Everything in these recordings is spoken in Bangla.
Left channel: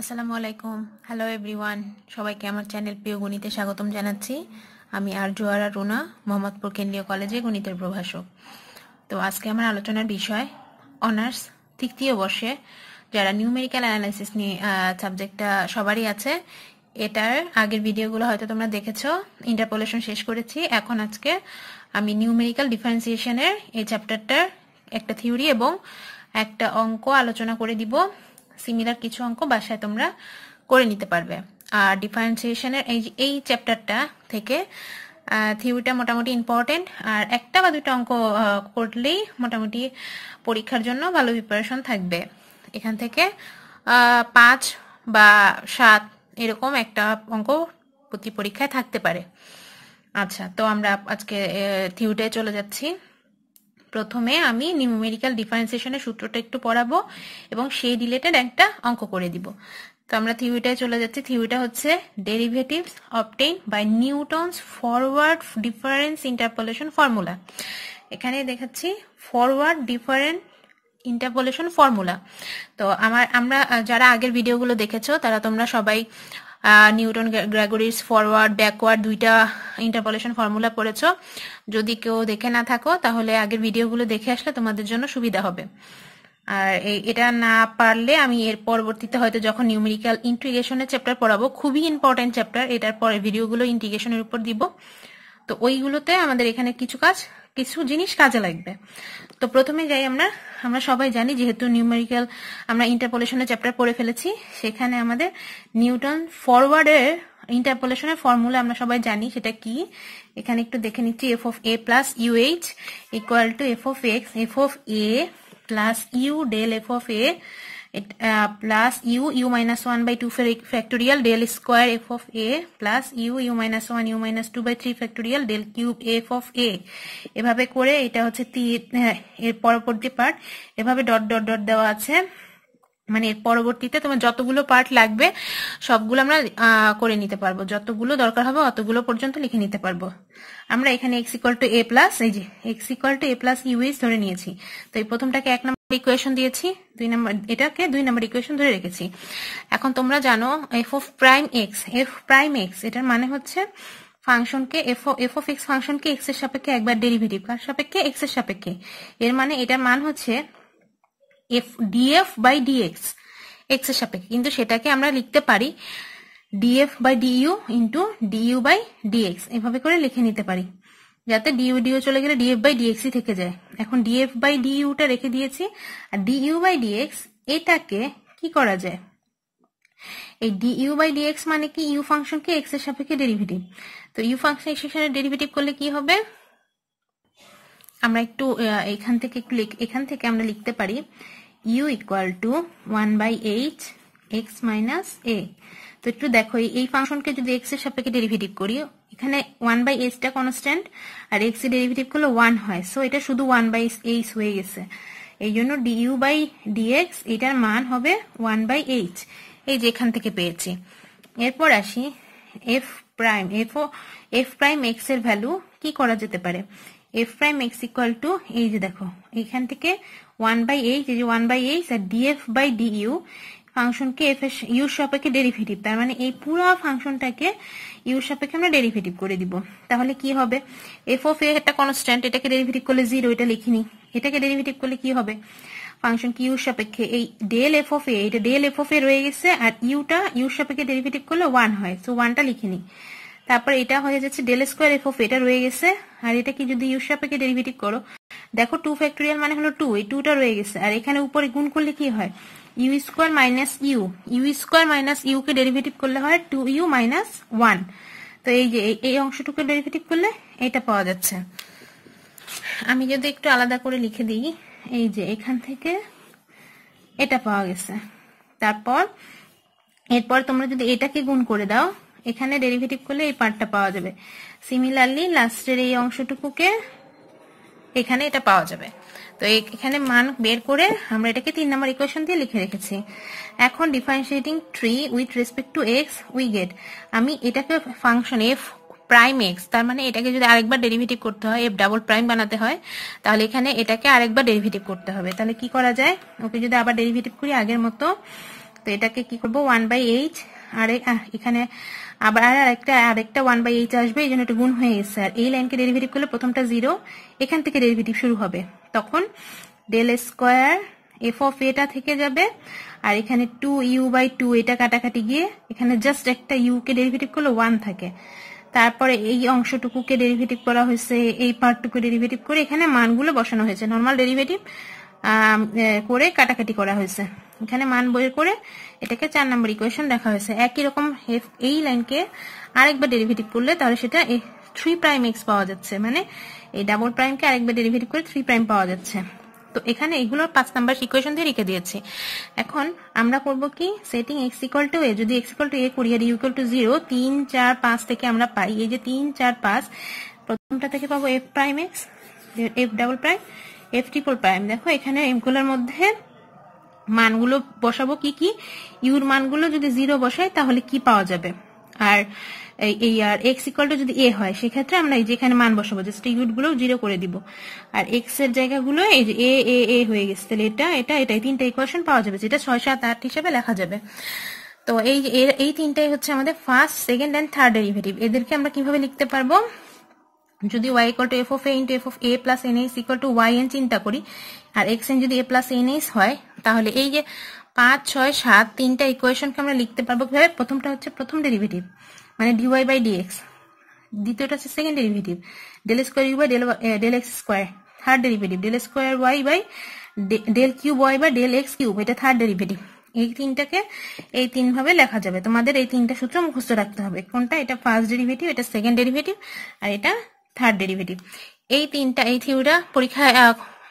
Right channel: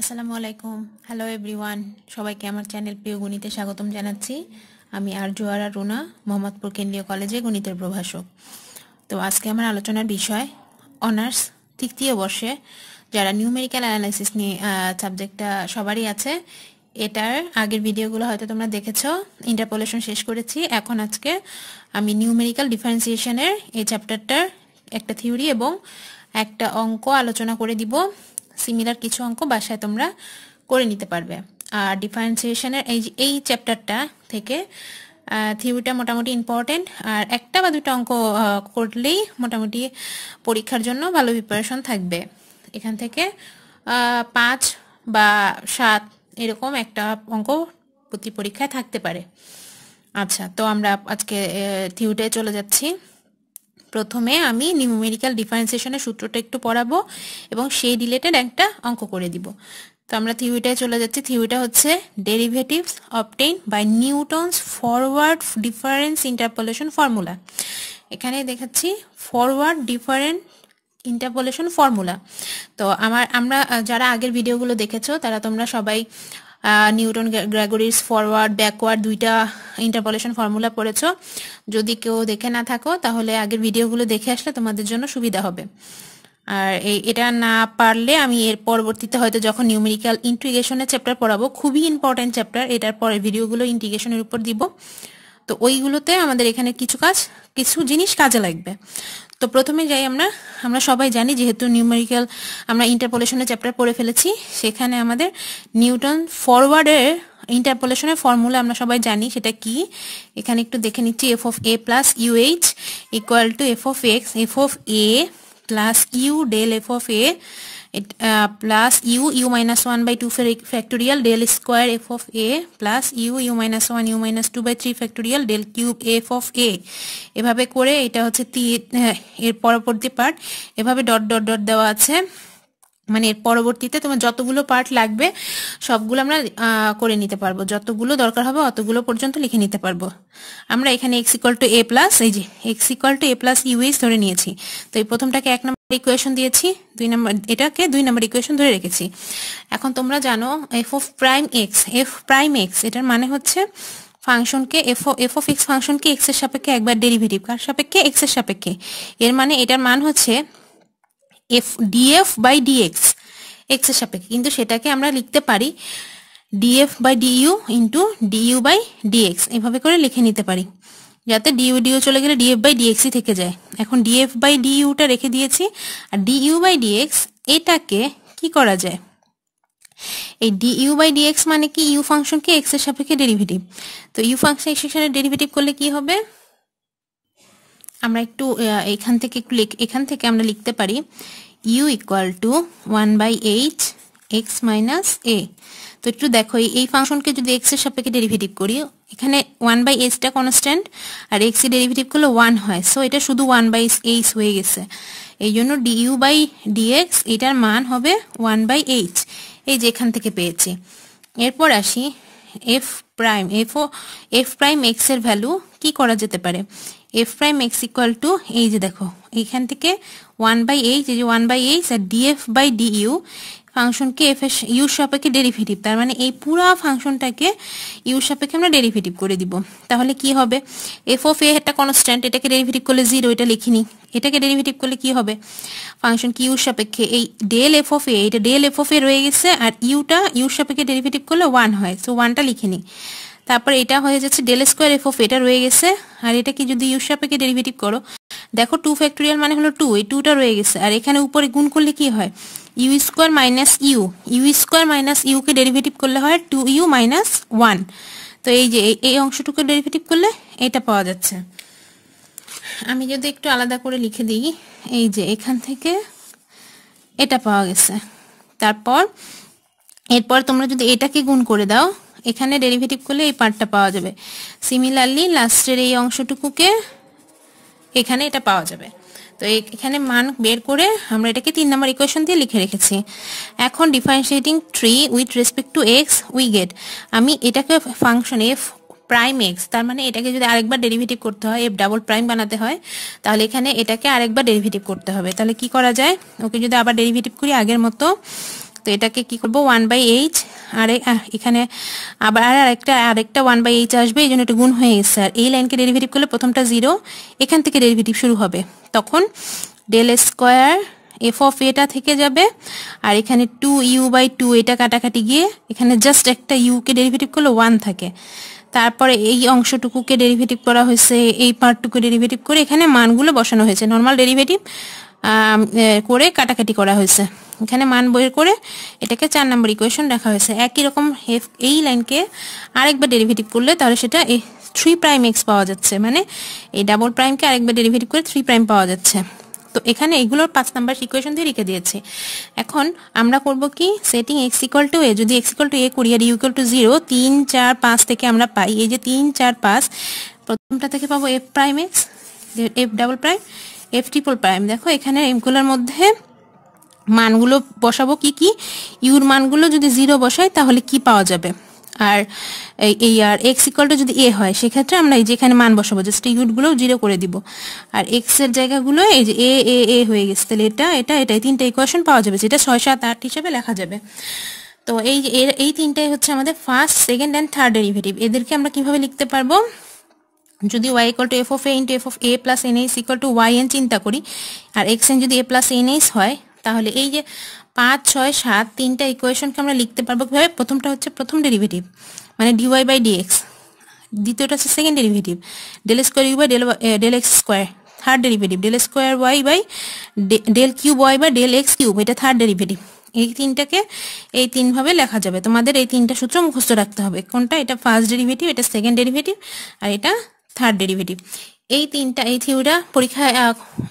আসসালামু আলাইকুম। হ্যালো এভরিওয়ান, সবাইকে আমার চ্যানেল প্রিয় গণিতে স্বাগতম জানাচ্ছি। আমি আরজুয়ারা রুনা, মোহাম্মদপুর কেন্দ্রীয় কলেজে গণিতের প্রভাষক। তো আজকে আমার আলোচনার বিষয় অনার্স তৃতীয় বর্ষে যারা নিউমেরিক্যাল অ্যানালাইসিস নিয়ে সাবজেক্টটা সবারই আছে। এটার আগের ভিডিওগুলো হয়তো তোমরা দেখেছো। ইন্টারপোলেশন শেষ করেছি। এখন আজকে আমি নিউমেরিক্যাল ডিফারেন্সিয়েশনের এই চ্যাপ্টারটার একটা থিওরি এবং একটা অঙ্ক আলোচনা করে দিব। সিমিলার কিছু অঙ্ক বাসায় তোমরা করে নিতে পারবে। আর ডিফারেন্সিয়েশনের এই চ্যাপ্টারটা থেকে থিওরিটা মোটামুটি ইম্পর্টেন্ট, আর একটা বা দুটো অঙ্ক করলেই মোটামুটি পরীক্ষার জন্য ভালো প্রিপারেশন থাকবে। এখান থেকে 5 বা 7 এরকম একটা অঙ্ক প্রতি পরীক্ষায় থাকতে পারে। আচ্ছা, তো আমরা আজকে থিওরিটায় চলে যাচ্ছি। প্রথমে আমি নিউমেরিক্যাল ডিফারেন্সিয়েশনের সূত্রটা একটু পড়াবো এবং সেই রিলেটেড একটা অঙ্ক করে দিব। তো আমরা থিওরিটায় চলে যাচ্ছি। থিওরিটা হচ্ছে derivatives obtain by Newton's forward difference interpolation formula. এখানে দেখাচ্ছি ফরওয়ার্ড ডিফারেন্ট ইন্টারপোলেশন ফর্মুলা। তো আমরা যারা আগের ভিডিওগুলো দেখেছো তারা তোমরা সবাই নিউটন গ্রেগরিস ফরওয়ার্ড ব্যাকওয়ার্ড দুইটা ইন্টারপোলেশন ফর্মুলা পড়েছো। যদি কেউ দেখে না থাকো তাহলে আগের ভিডিওগুলো দেখে আসলে তোমাদের জন্য সুবিধা হবে। আর এটা না পারলে আমি এর পরবর্তীতে হয়তো যখন নিউমেরিক্যাল ইন্টিগ্রেশনের চ্যাপ্টার পড়াবো, খুবই ইম্পর্টেন্ট চ্যাপ্টার, এটার পরে ভিডিওগুলো ইন্টিগ্রেশনের উপর দিব। তো ওইগুলোতে আমাদের এখানে কিছু জিনিস কাজে লাগবে। তো প্রথমে যাই আমরা সবাই জানি, যেহেতু নিউমেরিক্যাল আমরা ইন্টারপোলেশনের চ্যাপ্টার পড়ে ফেলেছি, সেখানে আমাদের নিউটন ফরওয়ার্ডের ইন্টারপোলেশনের ফর্মুলা আমরা সবাই জানি। সেটা কি এখানে একটু দেখে নিচ্ছি। F of a plus u h equal to f of x f of a plus u del f of a plus u minus 1 by 2 factorial del square f of a plus u minus 1 u minus 2 by 3 factorial del cube f of a। এভাবে করে এটা হচ্ছে এর পরবর্তী পার্ট এভাবে ডট ডট ডট দেওয়া আছে। মানে এর পরবর্তীতে তোমার যতগুলো পার্ট লাগবে সবগুলো আমরা করে নিতে পারবো, যতগুলো দরকার হবে অতগুলো পর্যন্ত লিখে নিতে পারবো। আমরা এখানে x equal to a plus এই যে x equal to a plus UH ধরে নিয়েছি। তো এই প্রথমটাকে 1 নম্বর ইকুয়েশন দিয়েছি, 2 নম্বর এটাকে 2 নম্বর ইকুয়েশন ধরে রেখেছি। এখন তোমরা জানো f of prime x, f prime x এটার মানে হচ্ছে ফাংশনকে f অফ x ফাংশনকে x এর সাপেক্ষে একবার ডেরিভেটিভ, কার সাপেক্ষে x এর সাপেক্ষে। এর মানে এটার মান হচ্ছে f df by dx x এর সাপেক্ষে, কিন্তু সেটাকে আমরা লিখতে পারি df by du into du by dx, এভাবে করে লিখে নিতে পারি, যাতে du চলে গেলে df বাই dx ই থেকে যায়। এখন df বাই du টা রেখে দিয়েছি, আর du বাই dx এটাকে কি করা যায়, এই du বাই dx মানে কি u ফাংশনকে x এর সাপেক্ষে ডেরিভেটিভ। তো u ফাংশন x এর সাপেক্ষে ডেরিভেটিভ করলে কি হবে, আমরা একটু এখান থেকে আমরা লিখতে পারি u equal to 1 by h x minus a। তো একটু দেখো এই ফাংশনকে যদি x এর সাপেক্ষে ডেরিভেটিভ করি, এখানে 1 বাই h টা কনস্ট্যান্ট আর x এর ডেরিভেটিভ করলে 1 হয়, সো এটা শুধু 1 বাই h হয়ে গেছে। এই জন্য du বাই dx এটার মান হবে 1 বাই h, এই যে এখান থেকে পেয়েছি। এরপর আসি f প্রাইম x এর ভ্যালু কি করা যেতে পারে। f prime x equal to এই যে দেখো এখান থেকে 1 বাই h, এই যে 1 বাই h আর df বাই du ফাংশনকে f এর u সাপেক্ষে ডেরিভেটিভ, তার মানে এই পুরো ফাংশনটাকে u সাপেক্ষে আমরা ডেরিভেটিভ করে দিব। তাহলে কি হবে, f অফ a একটা কনস্ট্যান্ট, এটাকে ডেরিভেটিভ করলে 0, এটা লিখিনি। এটাকে ডেরিভেটিভ করলে কি হবে, ফাংশন কি u সাপেক্ষে এই ডেল f অফ a, এটা ডেল f অফ a রয়ে গেছে, আর u সাপেক্ষে ডেরিভেটিভ করলে 1 হয়, সো 1টা লিখিনি। তারপর এটা হয়ে যাচ্ছে ডেল স্কোয়ার f অফ এটা রয়ে গেছে, আর এটা কি যদি u সাপেক্ষে ডেরিভেটিভ করো, দেখো 2 ফ্যাক্টোরিয়াল মানে হলো 2, এই 2টা রয়ে গেছে, আর এখানে উপরে গুণ করলে কি হয় u square minus u square minus u কে ডেরিভেটিভ করলে হয় 2u মাইনাস 1। তো এই যে এই অংশটুকু ডেরিভেটিভ করলে এটা পাওয়া যাচ্ছে। আমি যদি একটু আলাদা করে লিখে দিই, এই যে এখান থেকে এটা পাওয়া গেছে। এরপর তোমরা যদি এটাকে গুণ করে দাও, এখানে ডেরিভেটিভ করলে এই পার্টটা পাওয়া যাবে। সিমিলারলি লাস্টের এই অংশটুকুকে এখানে এটা পাওয়া যাবে। তো এখানে মান বের করে আমরা এটাকে 3 নম্বর ইকুয়েশন দিয়ে লিখে রেখেছি। এখন differentiating 3 with respect to x we get, আমি এটাকে ফাংশন f প্রাইম x, তার মানে এটাকে যদি আরেকবার ডেরিভেটিভ করতে হয়, f ডাবল প্রাইম বানাতে হয়, তাহলে এখানে এটাকে আরেকবার ডেরিভেটিভ করতে হবে। তাহলে কি করা যায়, ওকে যদি আবার ডেরিভেটিভ করি আগের মতো, তো তো এটাকে কি করব 1/h, আর এখানে আবার আরেকটা 1/h আসবে, এই জন্য এটা গুণ হয়ে গেছে। আর এই লাইনকে ডেরিভেটিভ করলে প্রথমটা 0, এখান থেকে ডেরিভেটিভ শুরু হবে, তখন ডেল স্কোয়ার এফ অফ এটা থেকে যাবে, আর এখানে 2u/2 এটা কাটাকাটি গিয়ে এখানে জাস্ট একটা u কে ডেরিভেটিভ করলে 1 থাকে। তারপরে এই অংশটুকুকে ডেরিভেটিভ করা হয়েছে, এই পার্টটুকু ডেরিভেটিভ করে এখানে মানগুলো বসানো হয়েছে, নর্মাল ডেরিভেটিভ করে কাটাকাটি করা হয়েছে, এখানে মান বের করে এটাকে 4 নম্বর ইকুয়েশন রাখা হয়েছে। একই রকম এই লাইনকে আরেকবার ডেরিভেটিভ করলে তাহলে সেটা 3'x পাওয়া যাচ্ছে, মানে এই ডাবল প্রাইমকে আরেকবার ডেরিভেটিভ করে 3' পাওয়া যাচ্ছে। তো এখানে এগুলোর 5 নাম্বার ইকুয়েশন দিয়ে রেখে দিয়েছি। এখন আমরা করব কি, সেটিং x = a, যদি x = a করি আর u = 0, 3 4 5 থেকে আমরা পাই এই যে 3 4 5, প্রথমটা থেকে পাবো f'(x), f', f', দেখো এখানে এগুলোর মধ্যে মানগুলো বসাবো কি কি, ইউর মানগুলো যদি 0 বসাই তাহলে কি পাওয়া যাবে, আর এই আর x = যদি a হয় সেক্ষেত্রে আমরা এই যে এখানে মান বসাবো, জাস্ট ইউর গুলো 0 করে দিব, আর x এর জায়গাগুলো এই যে a হয়ে গেছে, তাহলে এটাই তিনটা ইকুয়েশন পাওয়া যাবে, যেটা 6 7 8 হিসেবে লেখা যাবে। তো এই তিনটাই হচ্ছে আমাদের first, second and third derivative. এদেরকে আমরা কিভাবে লিখতে পারবো, যদি y = f of a into f of a plus n(h) = yn চিন্তা করি, আর xn যদি a plus n(h) হয়, তাহলে এই যে 5 6 7 তিনটা ইকুয়েশনকে আমরা লিখতে পারবো কিভাবে, প্রথমটা হচ্ছে প্রথম ডেরিভেটিভ মানে dy/dx, দ্বিতীয়টা হচ্ছে second derivative del square u by del x square, third derivative del square y by del cube y by del x cube, এটা থার্ড ডেরিভেটিভ। এই তিনটাকে এই তিন ভাবে লেখা যাবে, তোমাদের এই তিনটা সূত্র মুখস্থ রাখতে হবে, কোনটা, এটা ফার্স্ট ডেরিভেটিভ, এটা সেকেন্ড ডেরিভেটিভ, আর এটা থার্ড ডেরিভেটিভ। এই তিনটা এই থিওরিটা পরীক্ষায়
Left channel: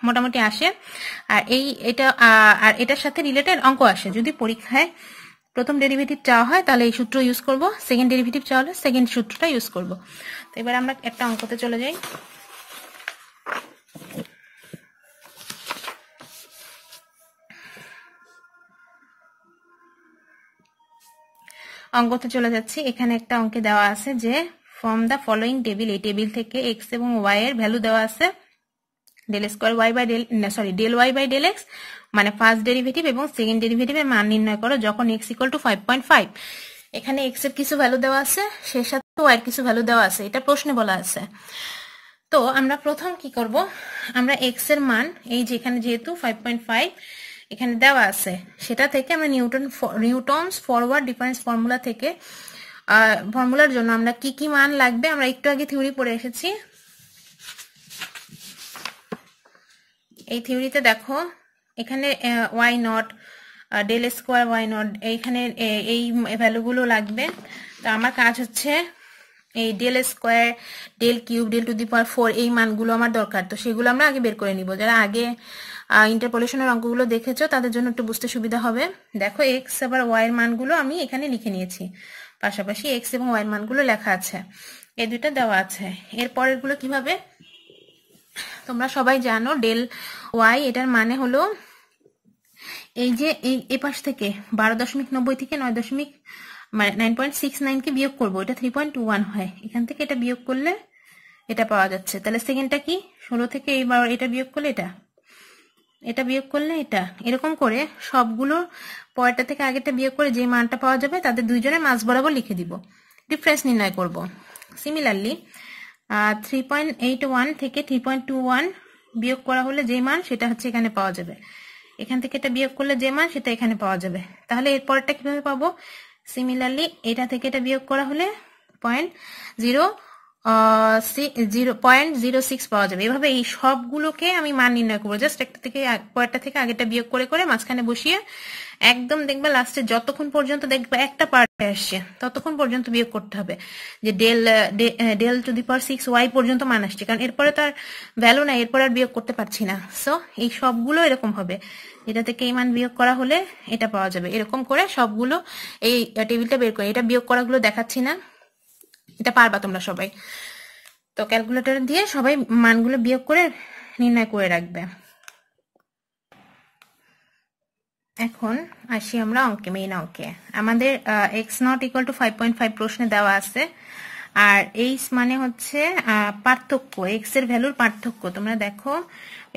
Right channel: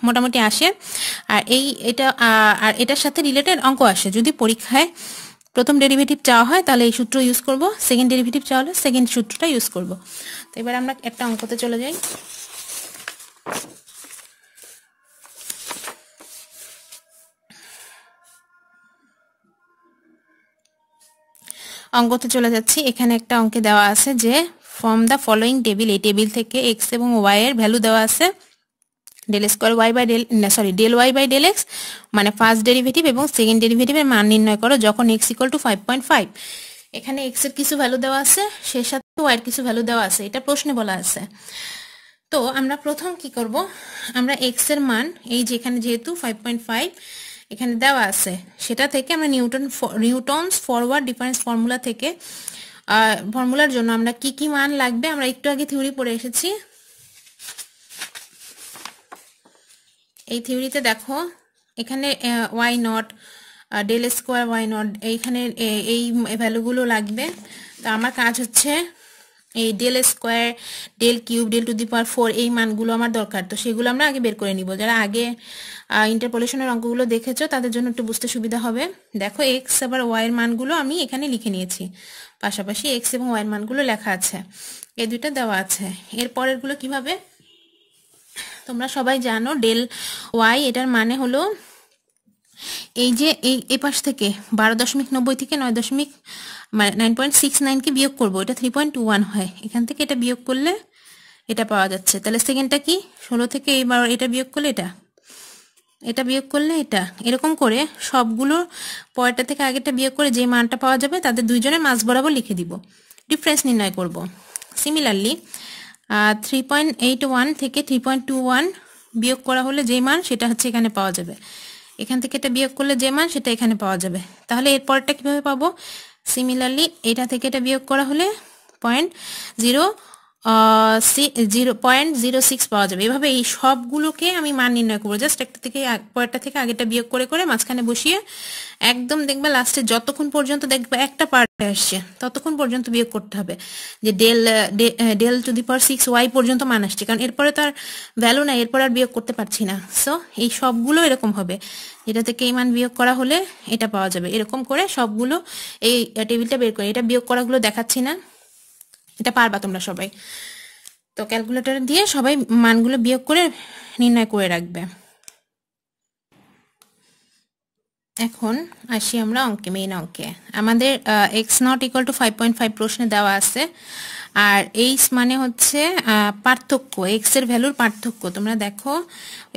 মোটামুটি আসে, আর আর এটার সাথে রিলেটেড অঙ্ক আসে। যদি পরীক্ষায় প্রথম ডেরিভেটিভ চাওয়া হয় তাহলে এই সূত্র ইউজ করব, সেকেন্ড ডেরিভেটিভ চাওয়া হলে সেকেন্ড সূত্রটা ইউজ করব। তো এবার আমরা একটা অঙ্কতে চলে যাই। অঙ্কতে চলে যাচ্ছি। এখানে একটা অঙ্কে দেওয়া আছে যে ফ্রম দ্য ফলোইং টেবিল, এই টেবিল থেকে x এবং y এর ভ্যালু দেওয়া আছে, del y by del x মানে ফার্স্ট ডেরিভেটিভ এবং সেকেন্ড ডেরিভেটিভের মান নির্ণয় করো যখন x = 5.5। এখানে x এর কিছু ভ্যালু দেওয়া আছে, সেই সাথে y এর কিছু ভ্যালু দেওয়া আছে, এটা প্রশ্নে বলা আছে। তো আমরা প্রথম কি করব, আমরা x এর মান এই যে এখানে যেহেতু 5.5 এখানে দেওয়া আছে, সেটা থেকে আমরা নিউটনস ফরওয়ার্ড ডিফারেন্স ফর্মুলা থেকে, ফর্মুলার জন্য আমরা কি কি মান লাগবে আমরা একটু আগে থিওরি পড়ে এসেছি। এই থিওরিতে দেখো এখানে y0, del square y0, এইখানে এই ভ্যালুগুলো লাগবে। তো আমার কাজ হচ্ছে এই del square, del cube, del to the power 4 এই মানগুলো আমার দরকার, তো সেগুলো আমরা আগে বের করে নিব। যারা আগে ইন্টারপোলেশনের অঙ্কগুলো দেখেছো তাদের জন্য একটু বুঝতে সুবিধা হবে। দেখো x আবার y এর মানগুলো আমি এখানে লিখে নিয়েছি, পাশাপাশি x এবং y এর মানগুলো লেখা আছে, এই দুটো দেওয়া আছে। এর পরের গুলো কিভাবে, তোমরা সবাই জানো del y এটার মানে হলো এই যে এই পাশ থেকে 12.90 থেকে 9.69 কে বিয়োগ করব, এটা 3.21 হয়, এখান থেকে এটা বিয়োগ করলে এটা পাওয়া যাচ্ছে। তাহলে সেকেন্ডটা কি, 16 থেকে এইবার এটা বিয়োগ করলে এটা বিয়োগ করলে এটা, এরকম করে সবগুলো পরেরটা থেকে আগেরটা বিয়োগ করে যে মানটা পাওয়া যাবে তাদের দুইজনের মাঝ বরাবর লিখে দিব, ডিফারেন্স নির্ণয় করব। সিমিলারলি 3.81 থেকে 3.21 বিয়োগ করা হলে যে মান সেটা হচ্ছে এখানে পাওয়া যাবে, এখান থেকে এটা বিয়োগ করলে যে মান সেটা এখানে পাওয়া যাবে। তাহলে এর পরেরটা কিভাবে পাবো, সিমিলারলি এটা থেকে এটা বিয়োগ করা হলে 0.06 পাওয়া যাবে। এভাবে এই সবগুলোকে আমি মান নির্ণয় করবো, জাস্ট একটা থেকে পরেরটা থেকে আগেরটা বিয়োগ করে করে মাঝখানে বসিয়ে একদম দেখবে লাস্টে যতক্ষণ পর্যন্ত দেখবে একটা পার্টে আসছে ততক্ষণ পর্যন্ত বিয়োগ করতে হবে, যে del to the power 6y পর্যন্ত মান আসছে, কারণ এরপরে তো আর ভ্যালু নাই, এরপর আর বিয়োগ করতে পারছি না। সো এই সবগুলো এরকম হবে, এটা থেকে এই মান বিয়োগ করা হলে এটা পাওয়া যাবে, এরকম করে সবগুলো এই টেবিলটা বের করে, এটা বিয়োগ করাগুলো দেখাচ্ছি না, এটা পারবা তোমরা সবাই। তো ক্যালকুলেটর দিয়ে সবাই মানগুলো বিয়োগ করে নির্ণয় করে রাখবে। এখন আসি আমরা অঙ্কে, মেইন অঙ্কে। আমাদের x not equal to 5.5 প্রশ্নে দেওয়া আছে, আর এইচ মানে হচ্ছে পার্থক্য, এক্স এর ভ্যালুর পার্থক্য। তোমরা দেখো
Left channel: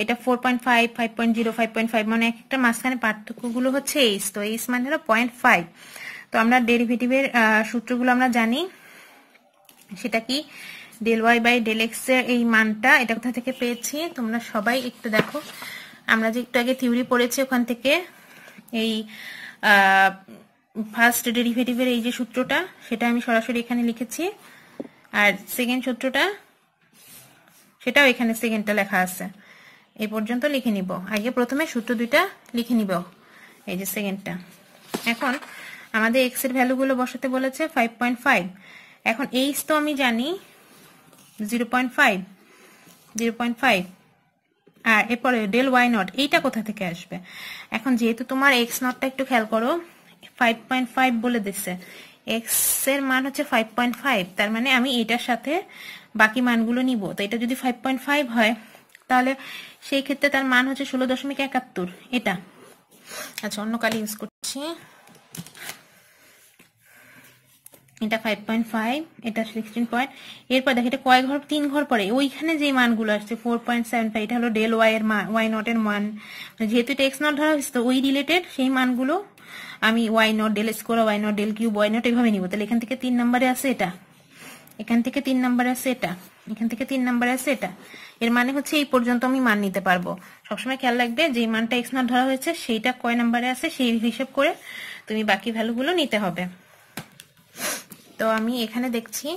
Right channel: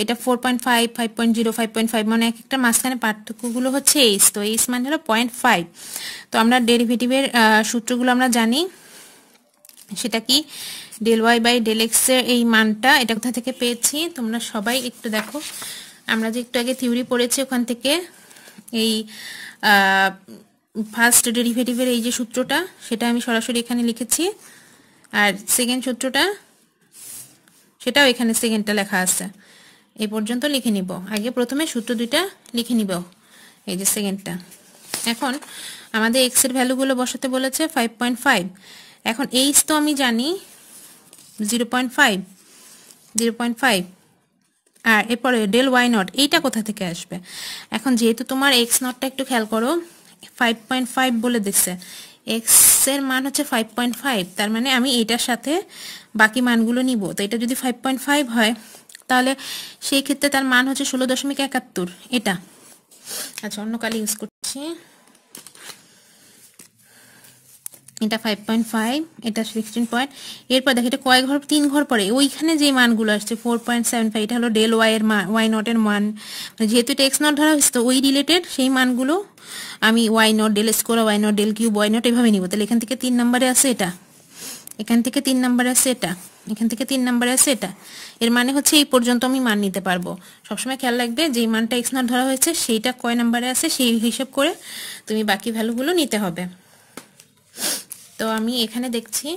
এটা 4.5, 5.0, 5.5 মানে এক একটা মাঝখানে পার্থক্যগুলো হচ্ছে এইচ। তো এইচ মানে হলো 0.5। তো আমরা ডেরিভেটিভের সূত্রগুলো আমরা জানি, সেটা কি del y by del x এর এই মানটা এটা কোথা থেকে পেয়েছি তোমরা সবাই একটু দেখো। আমরা যে একটু আগে থিওরি পড়েছি ওখান থেকে এই ফার্স্ট ডেরিভেটিভের এই যে সূত্রটা সেটা আমি সরাসরি এখানে লিখেছি, আর সেকেন্ড সূত্রটা সেটাও এখানে সেকেন্ডটা লেখা আছে। এই পর্যন্ত লিখে নিব, আগে প্রথমে সূত্র দুইটা লিখে নিব, এই যে সেকেন্ডটা। এখন আমাদের এক্স এর ভ্যালুগুলো বসাতে বলেছে 5.5। এখন এইচ তো আমি জানি 0.5, আর এরপরে ডেল ওয়াই নট এইটা কোথা থেকে আসবে। এখন যেহেতু তোমার এক্স নটটা একটু খেয়াল করো, 5.5 বলে দিচ্ছে, এক্স এর মান হচ্ছে 5.5, তার মানে আমি এইটার সাথে বাকি মানগুলো নিব। তো এটা যদি 5.5 হয় তাহলে সেই ক্ষেত্রে তার মান হচ্ছে 16.71 এটা। আচ্ছা অন্য কালি ইউজ করছি, এটা 5.5, এটা 16 পয়েন্ট। এরপর দেখো এটা কয় ঘর, 3 ঘর পরে ওইখানে যে মানগুলো আসছে 4.75, এটা হলো ডেল ওয়াই এর মান, ওয়াই নট এর মান। যেহেতু এটা এক্স নট ধরা হয়েছে তো ওই রিলেটেড সেই মানগুলো আমি y nought, del square, y nought, del cube, y nought এভাবে নিব। তাহলে এখান থেকে 3 নম্বরে আছে এটা, এখান থেকে 3 নম্বরে আছে এটা, এখান থেকে 3 নম্বরে আছে এটা। এর মানে হচ্ছে এই পর্যন্ত আমি মান নিতে পারবো। সবসময় খেয়াল রাখবে যে মানটা এক্স নট ধরা হয়েছে সেইটা কয় নম্বরে আছে সেই হিসাব করে তুমি বাকি ভ্যালুগুলো নিতে হবে। তো আমি এখানে দেখছি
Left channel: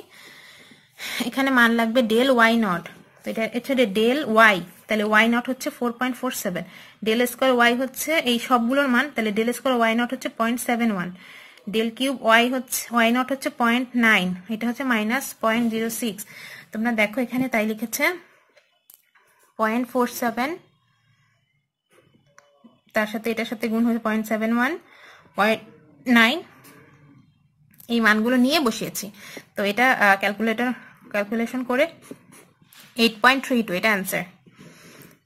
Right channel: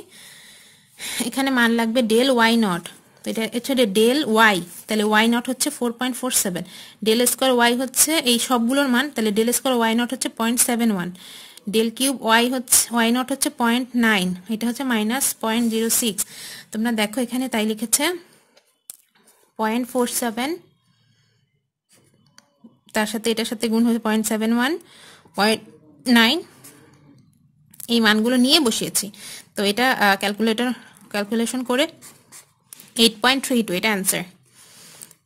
এখানে মান লাগবে ডেল ওয়াই নট, তো এটা হচ্ছে ডেল ওয়াই, তাহলে ওয়াই নট হচ্ছে 4.47, ডেল স্কোয়ার ওয়াই হচ্ছে এই সবগুলোর মান, তাহলে ডেল স্কোয়ার ওয়াই নট হচ্ছে 0.71, ডেল কিউব ওয়াই হচ্ছে ওয়াই নট হচ্ছে 0.9, এটা হচ্ছে -0.06। তোমরা দেখো এখানে তাই লিখেছে 0.47, তার সাথে এটার সাথে গুণ হয়ে 0.71, 0.9 এই মানগুলো নিয়ে বসিয়েছি। তো এটা ক্যালকুলেশন করে 8.32 এটা অ্যান্সার।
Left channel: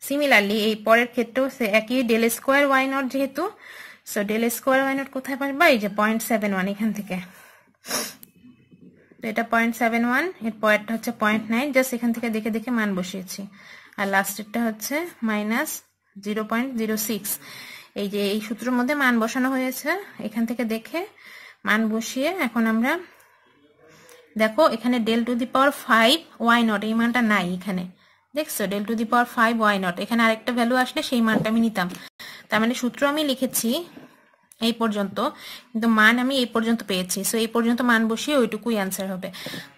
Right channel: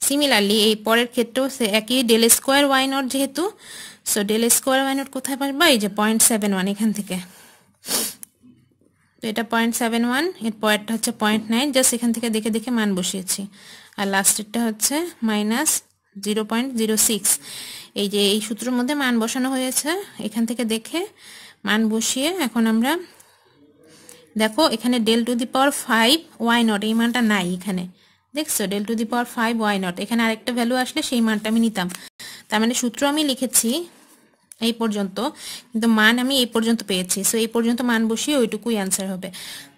সিমিলারলি এই পরের ক্ষেত্রেও একই, ডেল স্কোয়ার ওয়াই নট যেহেতু, so del square y nought কোথায় পারবা, এই যে 0.71 এখান থেকে। তো এটা 0.71, এর পরেরটা হচ্ছে 0.9, জাস্ট এখান থেকে দেখে দেখে মান বসিয়েছি। আর লাস্টেরটা হচ্ছে -0.06। এই যে এই সূত্রের মধ্যে মান বসানো হয়েছে, এখান থেকে দেখে মান বসিয়ে এখন আমরা দেখো এখানে del to the power 5 Y nought এই মানটা নাই এখানে, দেখছো del to the power 5 Y nought, এখানে আরেকটা ভ্যালু আসলে সেই মানটা আমি নিতাম। তার মানে সূত্র আমি লিখেছি এই পর্যন্ত, কিন্তু মান আমি এই পর্যন্ত পেয়েছি। সো এই পর্যন্ত মান বসিয়ে ওইটুকুই অ্যান্সার হবে।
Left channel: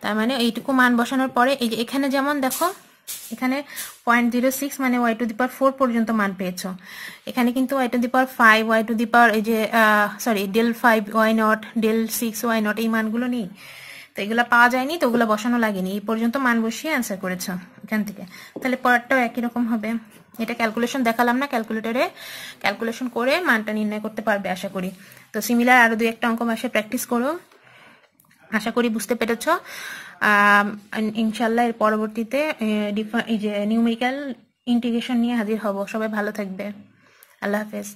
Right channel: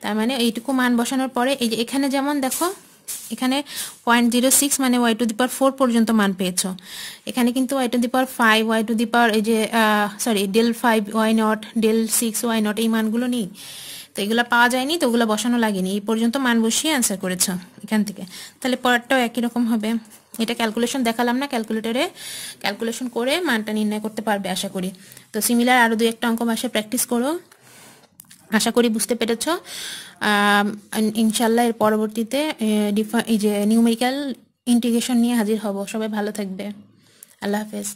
তার মানে এইটুকু মান বসানোর পরে এই যে এখানে যেমন দেখো এখানে 0.06 মানে ওয়াই টু দি পাওয়ার 4 পর্যন্ত মান পেয়েছো, এখানে কিন্তু Y to the power 5, Y to the power এই যে sorry del 5 Y nought, del 6 Y nought এই মানগুলো নেই, তো এগুলো পাওয়া যায়নি, তো ওগুলো বসানো লাগেনি, এই পর্যন্ত মান বসিয়ে অ্যান্সার করেছো এখান থেকে। তাহলে পরেরটাও একই রকম হবে। এটা ক্যালকুলেশন দেখালাম না, ক্যালকুলেটরে ক্যালকুলেশন করে মানটা নির্ণয় করতে পারবে আশা করি। তো সিমিলার আরো 2-1টা অঙ্ক মাসে প্র্যাকটিস করো, আশা করি বুঝতে পেরেছ। ইনশাল্লাহ এর পরবর্তীতে এই যে নিউমেরিক্যাল ইন্টিগ্রেশন নিয়ে হাজির হব। সবাই ভালো থাকবে, আল্লাহ হাফেজ।